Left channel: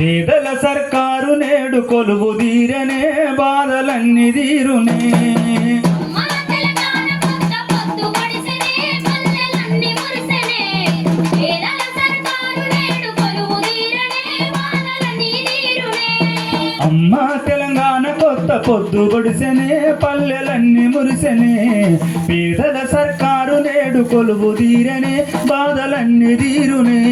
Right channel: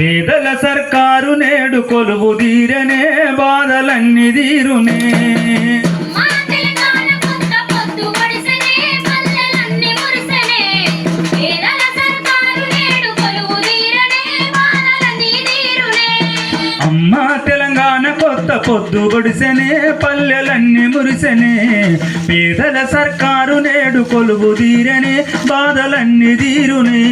పేదల సర్కారు నేడు కొలువు తీరనే బాధలన్నీ తీరునే అమ్మా తెలంగాణ కొత్త పొద్దు పొడిసెనే పల్లెలన్నీ మురిసెనే పేదల సర్కారు నేడు కొలువు తీరనే బాధలన్నీ తీరునే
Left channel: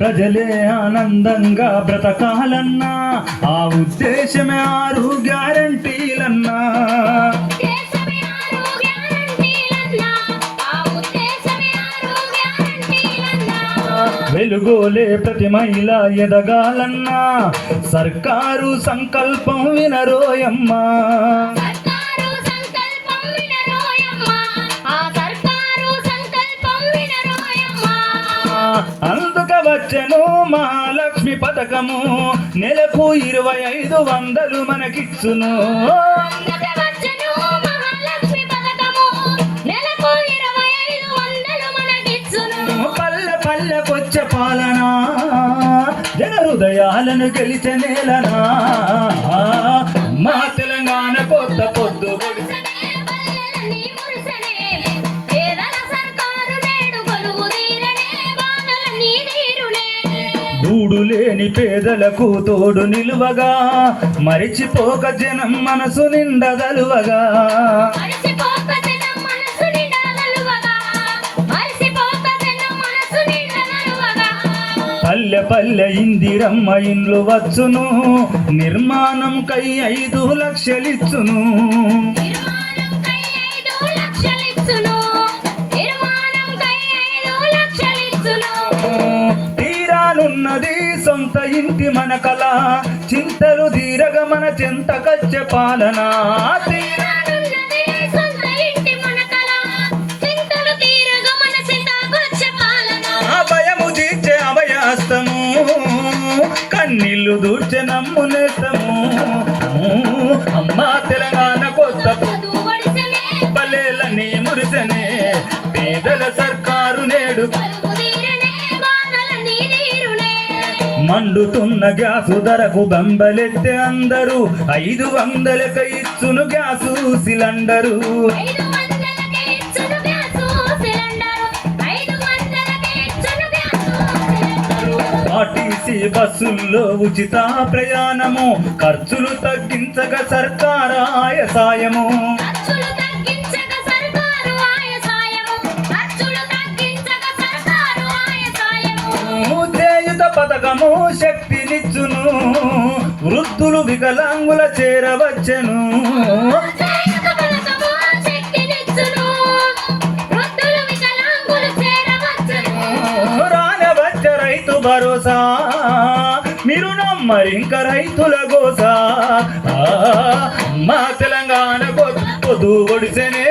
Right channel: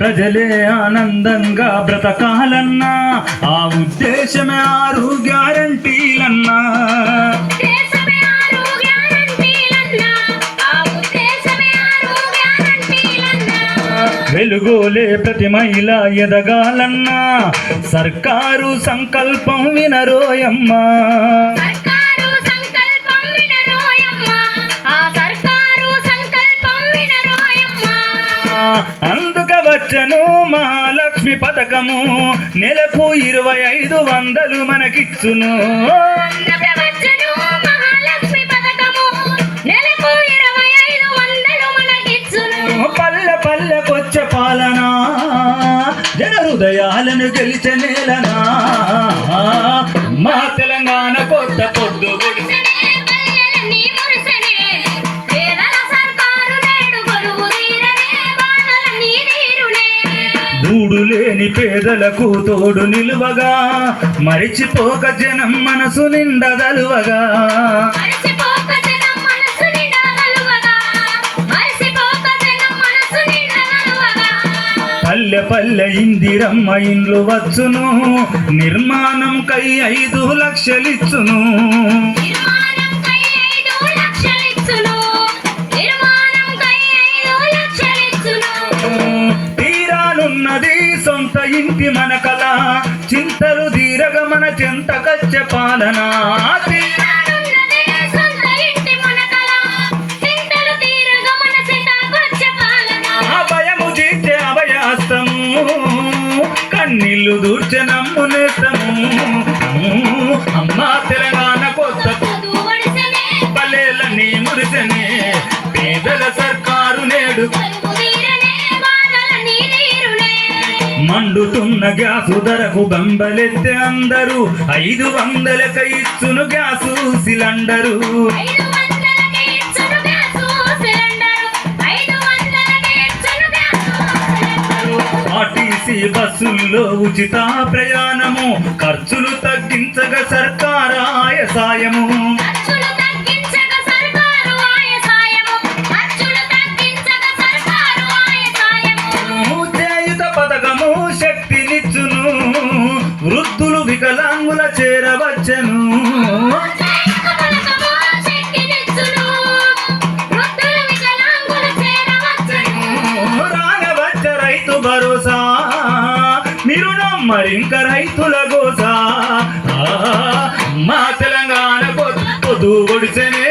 ప్రజలే ఆనందంగా బ్రతకాలన్నా ఆ ఉద్దేశమే 6 గ్యారంటీలన్నా వెలుగోలే ప్రతి మహిళ ఎదగాలన్నా సర్కారు సంకల్పం వినరోయమ్మా అందుక వచ్చను మహాలక్ష్మి పథకము నెలకు 2500 మనకిచ్చును పల్లె పల్లెకొచ్చే పాలన జన హృదయాలను గెలిచే నేలనా మా తెలంగాణ కొత్త పొద్దు గూడు లేని పేదలకు తోడు నిలువగా మరిచిపోక జనం మనసు నిండదలువగా పల్లె పల్లె ఇందిరమ్మ ఇండ్లు వచ్చును నిర్మాణం కై 5 లక్షలిచ్చును తీరానున్నది సొంత ఇంటి మన కళ చింతలు తీరగ మన చెంతకచ్చే పాలన కన్నీళ్లు దూర్చే నమ్మునేస్తము అమ్మా తెలంగాణ కొత్త పల్లెలన్నీ మురిసెనే పేదల సర్కారు నేడు మండుతున్న గ్యాసు ధరకు బంబలెత్తే అందరూ 500కి ఇచ్చును గ్యాసు సిలిండరు బస్సుల్లో ఉచిత ప్రయాణము ఖర్చులు తగ్గించగా సర్కారాయ సాయము చేయుత పథకము శక్తినిచ్చును వృద్ధులు వికలాంగుల చేరవచ్చెను రానవచ్చే రైతు భరోసా మీరు నమ్మరింక రైతుల గోసా మా తెలంగాణ పొద్దు పొడిసెనే